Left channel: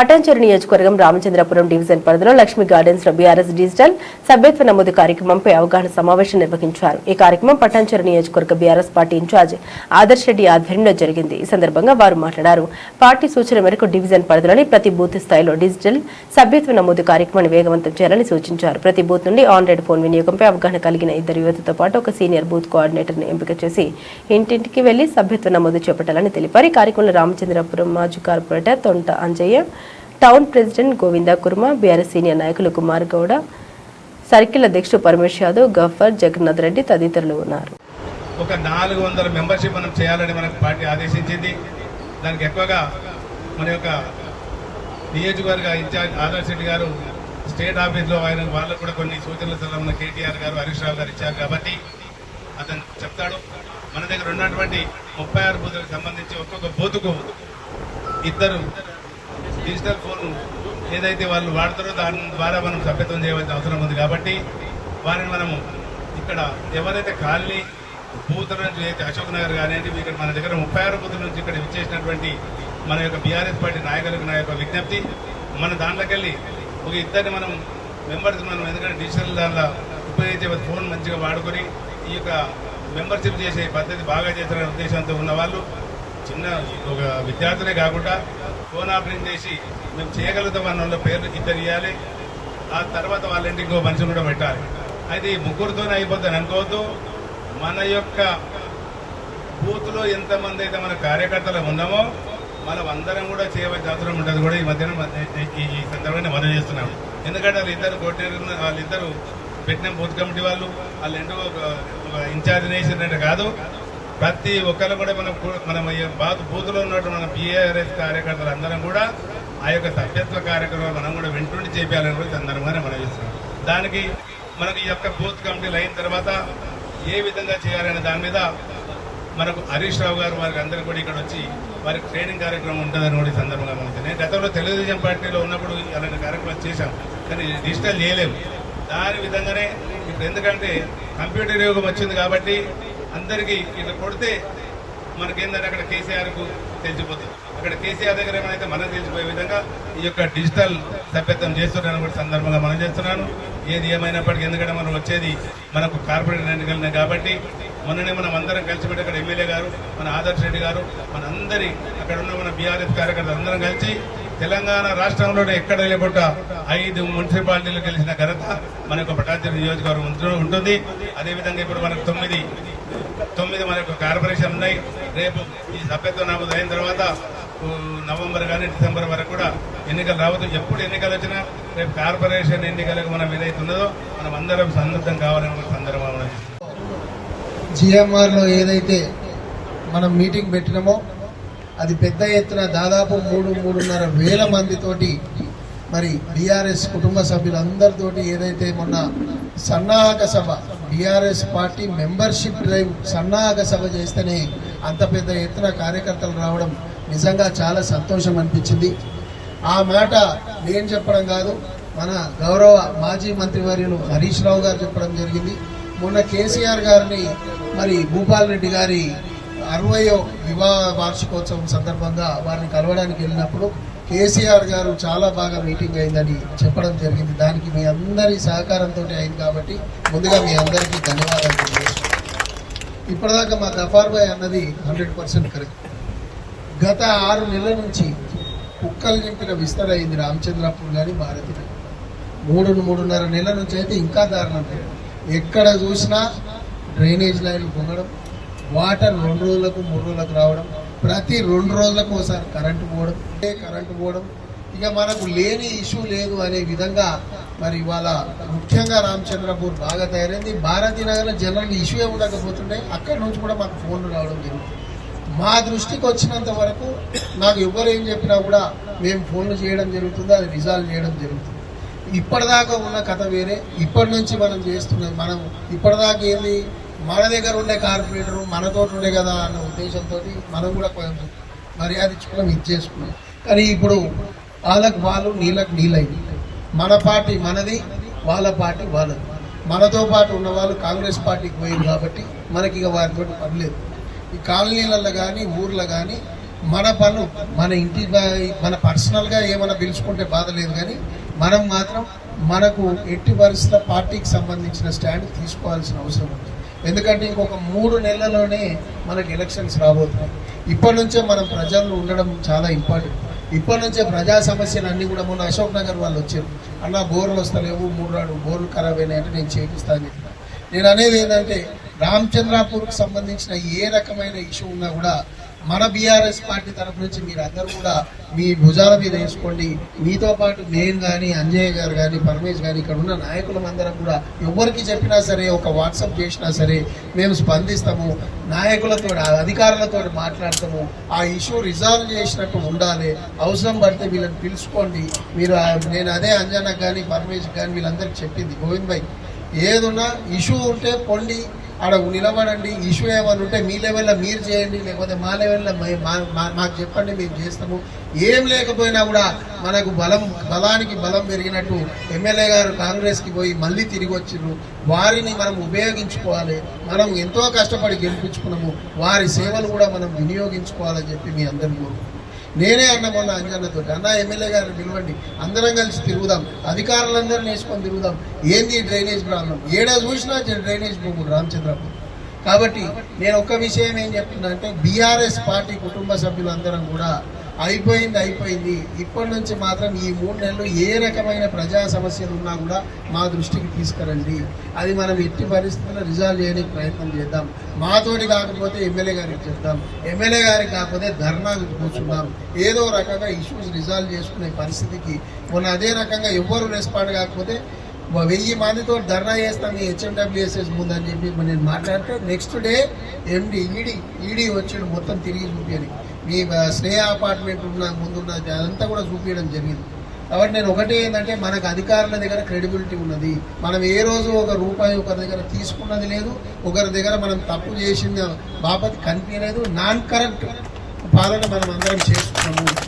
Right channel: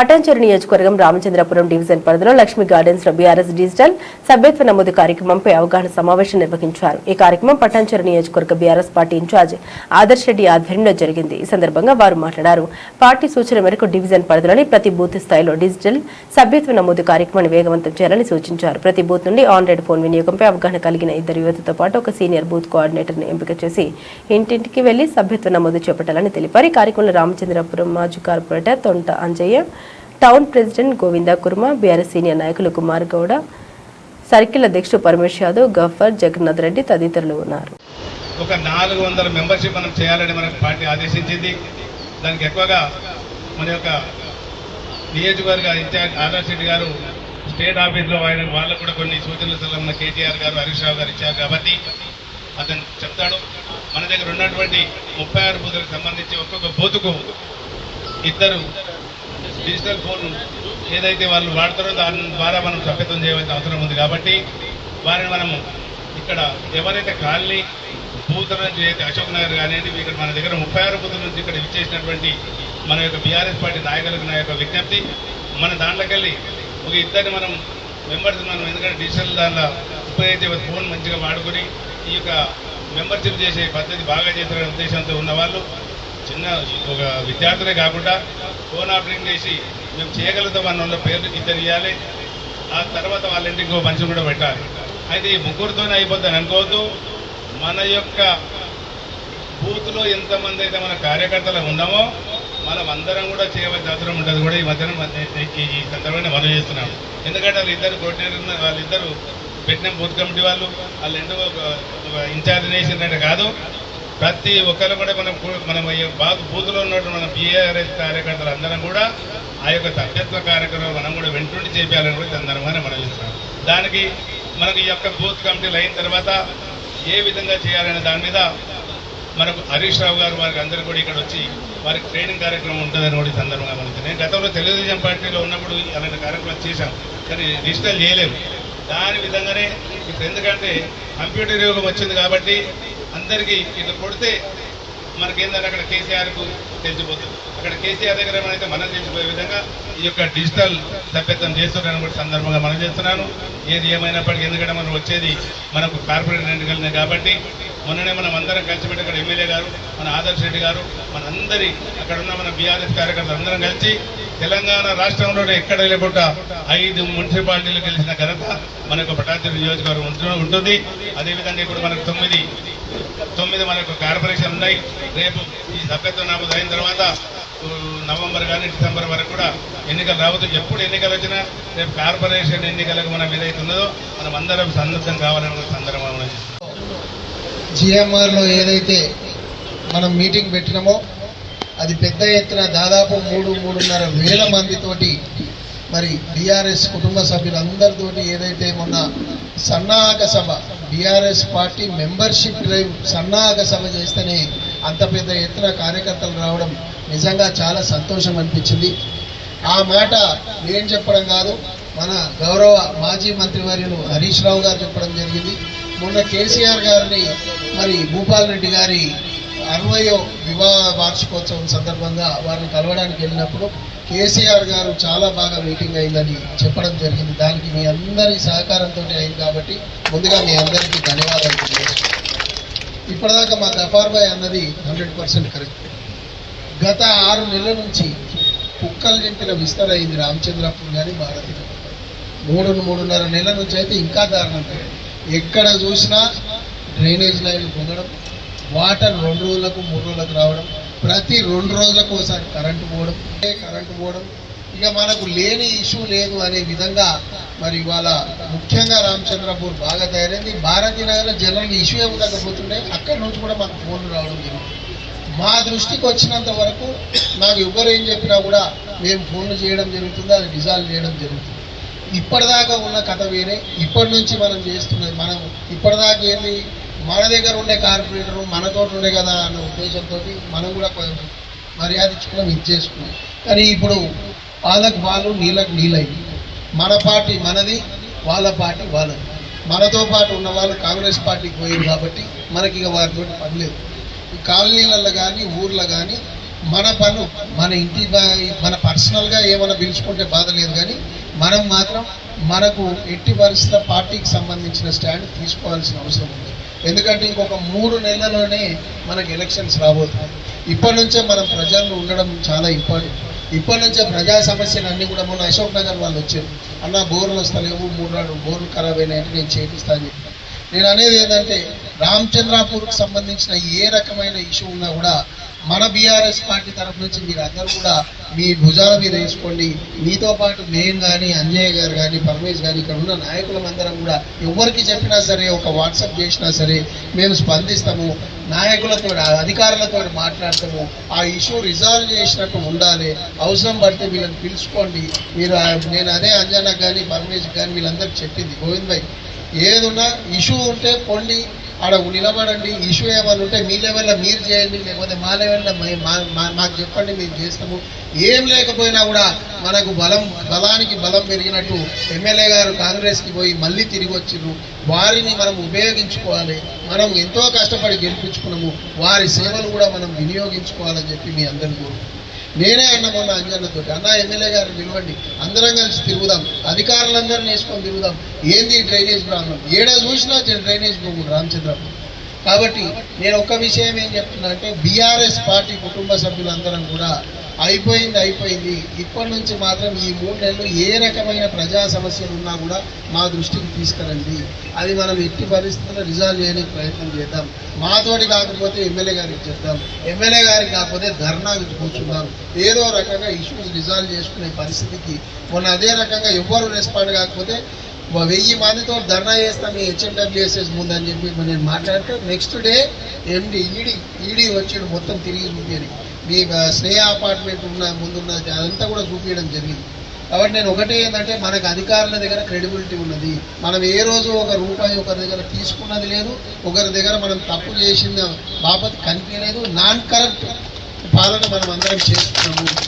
పటాన్చెరు నియోజకవర్గం రామచంద్రపురం డివిజన్ పరిధిలో లక్ష్మీ గార్డెన్స్ లో బీఆర్ఎస్ డిజిటల్ సభ్యత్వ నమోదు కార్యక్రమంపై అవగాహన సమావేశం నిర్వహించారు. ఈ కార్యక్రమం పటాన్చెరు నియోజకవర్గ BRS party in charge Adarsh Reddy ఆధ్వర్యంలో జరిగింది. ఈ సందర్భంగా వారు మాట్లాడారు. పార్టీ సూచన మేరకు డివిజన్ పరిధిలోని ప్రతి బూత్ స్థాయిలో డిజిటల్ సభ్యత్వ నమోదు కార్యక్రమాన్ని వేగవంతం చేయాలని సూచించారు. ప్రతి బూత్ నుండి ఆన్లైన్ ఫోన్ వినియోగంపై అవగాహన కలిగిన ఇద్దరు యువతతో పాటు ఒక సీనియర్ బూత్ కోఆర్డినేటర్ ను ఎంపిక చేసి ఇంటింటికి వెళ్లి సభ్యత్వ నమోదు చేపట్టాలని తెలిపారు. ఈ కార్యక్రమంలో రామచంద్రపురం మాజీ corporator Thonta Anjaiah, town president Govinda Kurma, BRS senior నాయకులు కుమార్ గౌడ, సర్కిల్ అధ్యక్షుడు పరమేశ్ యాదవ్, గఫర్, జగన్నాథ్ రెడ్డి తదితరులు ఉన్నారు. ఒక 400 మెంబర్షిప్ మనం చేయాలని మనకు పార్టీ ఆదేశించింది. దానికి ఎక్కువగా మన యొక్క నియోజకవర్గ ఇన్ఛార్జ్ ఆదర్శ్ రెడ్డి గారు స్టేట్ ఆఫీస్లో వాళ్ళకు కూడా కొన్ని సూచనలు సలహా కేటీఆర్ గారు, హరీష్ రావు గారు ఇచ్చారు కాబట్టి అతను చెప్తాడు. మన దగ్గర ఉన్నటువంటి 36 బూతులకు సంబంధించి ఒక్కొక్క బూతుకు ఇద్దరు డిజిటల్ ఫోన్ ఏదైతే వాళ్ళు వాడతారో దాని ద్వారా మనం సభ్యత్వం చేయవలసిన అవసరం ఉంది. కాబట్టి వారిని మనము ఇక్కడ ఎవరైతే కాలనీ బూతుల నుంచి అయితే అశోక్ నగర్ కానివ్వండి, ఇక్కడ మన దగ్గర 36 బూతుల నుంచి ఇక్కడ ఇచ్చేసినటువంటి మన యొక్క బీఆర్ఎస్ పార్టీ నాయకులకు నా యొక్క విజ్ఞప్తి, మన దాంట్లోకి వెళ్ళి ఒక ఇద్దరిని మనం మెంబర్స్ మనం ఎందుకంటే డిజిటల్ దాంట్లో ఉపయోగించే ఫోన్ మంచిగా వాడుకొని ఈ యొక్క మెంబర్షిప్ చేసే పద్ధతి బాగా చేసిన ఉద్దేశంతో ఉన్న వాళ్ళు చిన్న ఒక విద్యార్థులే కాకుండా ఫోన్ ఆపరేటింగ్ చేసి మేము చేయగలుగుతాం అన్న వాళ్ళ పేర్లకు ఇద్దరు ఇవ్వాలి. ఆ తర్వాత వాళ్ళ ఇంటికి ఇంకో మనిషిని కూడా పెట్టాలి. అయితే ఈ ముగ్గురితోనే అయిపోద్దని అనుకోవద్దు. మన యొక్క బూత్లో ఎంతమంది అయితే మన కార్యకర్తలు ఉన్నామో మనం అందరం కూడా చేయవలసిన అవసరం ఉంటుంది. కూడా ఈ మధ్యన ఈ సందర్భంగా మనం చేస్తున్నాం. ఎందుకంటే వాళ్ళిద్దరు పెట్టిన బూత్ కమిటీ వాళ్ళు ఇన్ఛార్జ్ చేసినట్టు కాదు, ప్రతి ఒక్కరు కూడా మనం బూత్లో ఉన్నటువంటి మన బీఆర్ఎస్ కార్యకర్తలు అందరం కూడా ఆ యొక్క సభ్యత్వ కార్యక్రమం మనం కూడా వెంటుండి చేయాలని కూడా సందర్భంగానే మనం చేస్తున్నాం. దానికి మనకి ఈ యొక్క బూత్ కమిటీలు అయిన తర్వాత ఏ విధంగా చేయాలనే దాని మీద మనకు హరీష్ రావు గారు వారికి అందరూ కూడా ఇక్కడ వచ్చి వారికి ట్రైనింగ్ కార్యక్రమం ఉంటుందని కూడా ఈ సందర్భంగా మనం నేను గతంలో తెలుగుదేశం పార్టీలో ఉన్నప్పుడు అలాంటి కార్యక్రమం చేశాం, కానీ డిజిటల్ చేయలేము. దాని విధంగానే ఇప్పుడు ఎందుకంటే కంప్యూటర్ యుగం వచ్చింది కాబట్టి అందరికీ ఇట్లా కొడితే మనకేంటంటే అక్కడ కేసీఆర్కు తెలిసిపోతుంది. అక్కడ కేసీఆర్ దగ్గర ఏమైతే మనకు తెలిసిపోయే విధంగా ఈ యొక్క డిజిటల్ సభ్యత్వం చేస్తున్నాను కూడా సందర్భంగా మనం చేస్తున్నాను. ఏది ఏమైనప్పటికీ ఎందుకంటే మనం వచ్చేది మనకు కార్పొరేటర్ ఎన్నికలనే కాబట్టి మొన్ననే మనం అందరం కలిసి పెట్టి అక్కడ ఎమ్మెల్యే గారు, మన ఆదర్శ్ రెడ్డి గారు, మనందరి అక్కడ ఉన్న మన బీఆర్ఎస్ కార్యకర్తలు అందరం కలిసి తెలంగాణ రాష్ట్రంలో ఎక్కడ లేకుండా 5 మున్సిపాలిటీలు గెలిచిన ఘనత మనకు పటాన్చెరు నియోజకవర్గం ఉంటుంది. అదేవిధంగా ఇప్పుడు మనకు 9 మనకు కార్పొరేషన్ ఉన్నాయి. రేపు ఈ సభ్యత్వ నమోదు అయిన తర్వాత నవంబర్ కానీ డిసెంబర్ వరకు కూడా ఎన్నికలు రావద్దు. ఎప్పుడు ఎన్నికలు వచ్చినా రేపు కార్పొరేషన్ ఎన్నికలకు మనం ఏదైతే ఉన్నదో మనం అందరం సన్నద్ధం కావాలని సందర్భంగా జిఎంఆర్లో ఏదైతే మనం మీటింగ్ పెట్టినామో అది పెద్ద ఎత్తున దాదాపు 3-3.5 వేల మందితోటి మరి బీఆర్ఎస్ కుటుంబ సభ్యులందరితోటి ఏదైతే మొన్న సన్నాహక సభ బీఆర్ఎస్ పార్టీ మెంబర్షిప్ డ్రైవ్ సన్నాహక సభ చేస్తేనే అంత పెద్ద ఎత్తున కార్యకర్తలు రావడం నిజంగా చాలా సంతోషం అనిపించింది. ఆ మాట నేను చెప్పడం కాదు, మన గౌరవ మాజీ మంత్రివర్యులు హరీష్ రావు గారు చెప్పడం జరిగింది. మొన్న కేసీఆర్ గారిని మరి భూపాల్ రెడ్డి గారి 60వ వివాహ వార్షికోత్సవం సందర్భంగా వారిని కలవడానికి వెళ్ళినప్పుడు కేసీఆర్ గారు చాలా బాగా మీటింగ్ అయిందని చెప్పడం జరిగింది. దానికి మీ అందరి సహకారంతో అయింది కాబట్టి ముందుగా మీ అందరికీ ధన్యవాదాలు తెలియజేస్తున్నాను. ఇప్పటిదాకా మా గఫార్ భాయ్ అన్నది 100% కరెక్ట్. గత 6 నెలల నుంచి కుక్కలు నింపిన విస్తర అయింది రామచంద్రపురం కానీ భారతి 3-3.5 నెలల నుంచి అయితే ఇంకా దారుణం. ఎక్కడ చూసినా డ్రైనేజ్ లైన్లు పొందడం, వాటర్ 2 రోజులకు 3 రోజులకు రావడం, ప్రతి 2 రోజులకు ఒకసారి కరెంటు పోవడం ఇక మనకు లేని ఇష్యూ లేదు అనే విధంగా మరి ఇవాళ ముఖ్యంగా రామచంద్రపూర్ బాగా తయారైంది. భారతీ నగర్లో జనరల్గా ఇష్యూ ఏమి ఉండకపోతుండే అక్కడి నుంచి కూడా మాకు ఫోన్లు రావడం జరుగుతుంది. మా దృష్టికి వచ్చినంత వరకు నాకు ఎవరు ఏం చెప్పినా కూడా మేము ఫోన్లు చేయడం జరుగుతుంది, అది రిజాల్వ్ చేయడం జరుగుతుంది. ఇప్పటిదాకా ఉన్న కథ వేరే, ఇప్పటి నుంచి మనం చేస్తున్నది మనం ఇప్పటిదాకా ఏంది మన దగ్గర ఉండే కార్పొరేటరు మనతో ఉండే కదా అన్న ఉద్దేశంతో మనం కూడా కొంచెం మర్యాద ఇచ్చుకున్నాం, ఇచ్చేసుకున్నాం. కానీ ఇప్పుడు వాళ్ళకు వాళ్ళు నీళ్ళకు నీళ్ళైంది. మన పార్టీ మనది, వాళ్ళ పార్టీ వాళ్ళది. మనతో పాటు ఉన్న వాళ్ళు కాంగ్రెస్ పార్టీకి పోయింది కాబట్టి మనకి ఇక వారితో పని లేదు. ఈ కాలనీలలో కానీ ఊర్లో కానీ మన పనులు మన ఇంటి మన పర్సనల్గా ఏమైనా పిలుచుకుంటే బాధ లేదు, కానీ మనం మాత్రం మనకు ఎట్టి పరిస్థితుల పార్టీకి సంబంధించిన స్టాండ్ తీసుకోవాల్సిన అవసరం ఉంది. ఎందుకంటే ఇంకొక 3 నెలల్లోనే మనకు ఎలక్షన్స్ రాబోతున్నాయి. ఇప్పటి నుంచే మనం ప్రజల్లో ఉండడం చాలా ఇంపార్టెంట్. ఇప్పటి నుంచే ప్రజా సమస్యలు అన్నీ కూడా మొన్న అశోక్ నగర్ వాళ్ళు వచ్చారు, అన్న బోర్లు వస్తలేవు, 3 బోర్లు ఖరాబ్ అయినాయంటే నేను చేపిస్తాను చెప్పాను. నేను అనేది ఏంటంటే రామచంద్రాపూర్కి సంబంధించిన ఏ రకమైన ఇష్యూ ఉన్నా కూడా మన బీఆర్ఎస్ పార్టీ తరఫు నుంచి మీరు అందరూ కూడా మీ భుజాల మీద వేసుకోండి. మీతో పాటు నేను కానీ, అంజయ్య గారు కానీ, పరమేష్ కానీ, ఇక్కడ ఉన్న నాయకులందరం కూడా ఎవరికి చెప్పినా సరే, ఒక వాట్సాప్ చేసినా సరే మేము స్పందిస్తాము. నాయకులతో అధికారులతో మాట్లాడతాము. ఆ ఇష్యూ రిజాల్వ్ చేసినట్టు ఉండాలి. అవసరం పడితే వీళ్ళని పిలుచుకోండి. మీరు నేను అదే అంజన్న కానీ, పరమేష్ కానీ వీళ్ళందరికీ చెప్పింది, గోవింద్ భాయ్ ఏదున్నా ఇష్యూ ఉంటే పొండి ఆడ నిలబడండి. ఇష్యూ ఏమైనా ఉంటే మీ లెవెల్లో మీరు చేయండి, లేకపోతే మా లెవెల్లో మాకు చెప్పండి, మేము చేస్తాము. ఏం లేకపోయినా కూడా మనకు బలానికి బలం పెరిగినట్టు ఎమ్మెల్యే గారు కాంగ్రెస్కి పోయి మళ్ళీ తిరిగి వచ్చిండ్రు. వారిని మనం ఉపయోగించుకోవాలి. మనం ఎంతో కష్టపడి గెలిపించుకున్నాము. వారి సేవలు కూడా మనం వినియోగించుకోవాలని చెప్పి మీ అందరికీ నేనే అన్న మొన్న అంజన్నతో, అన్న ఎమ్మెల్యే గారిని పిలవండి, అందరం కలిసి తిరుగుదాం, అధికారులందరినీ వేసుకొని తిరుగుదాం. ఏంది డ్రైనేజ్ ప్రాబ్లం, ఏడా చూసినా డ్రైనేజ్ ప్రాబ్లం రామచంద్రపురం. కాబట్టి నేను ఒక్క విషయం ఏం చెప్తున్నా అంటే బీఆర్ఎస్ పార్టీ కుటుంబ సభ్యులందరం కూడా అయిపోయింది. ఇప్పటి నుంచి మాత్రం ఈ 3 నెలలు ఏ రకమైన ప్రజా సమస్యలు ఉన్నా కూడా మా దృష్టికి తీసుకురండి. అది మనం ఎట్టి పరిస్థితుల్లో రిజాల్వ్ చేయడానికి ప్రయత్నం చేద్దాం. మాతోటి కాకపోతే ఎమ్మెల్యే గారికి చెప్తాం, ఎమ్మెల్యే గారికి కాకపోతే ధర్నాకి కూర్చున్నాం. ఏదో రకంగా ఇష్యూస్ రిజాల్వ్ చేసుకునే పరిస్థితికి మొన్న అదే రకంగా ఎవ్వరు రెస్పాండ్ కాకపోతే 1000 మందితో ధర్నా చేస్తాం మీ హెచ్ఎండబ్ల్యూఎస్ఎస్ ముందని చెప్పి నేను మాట్లాడితే నెక్స్ట్ డే ఈడీ వచ్చాడు, మొత్తం తిరిగి చూపించాను. మీ స్నేహ అపార్ట్మెంట్ ముందున్న అదంతా కూడా చూపించడం జరిగింది. కాబట్టి నేను ఒకటే ఏంటంటే మనకు అధికారుల దగ్గర క్రెడిబిలిటీ ఉన్నది. మనం ఏ రోజు ₹1 ఒకరి దగ్గర తీసుకున్నది లేదు, ఒకరి దగ్గర మనం తప్పు చేసిన బాబత్ కనిపించలేదు. నాన్ కరప్ట్ పాలన మనం అందరం చేస్తున్నాము.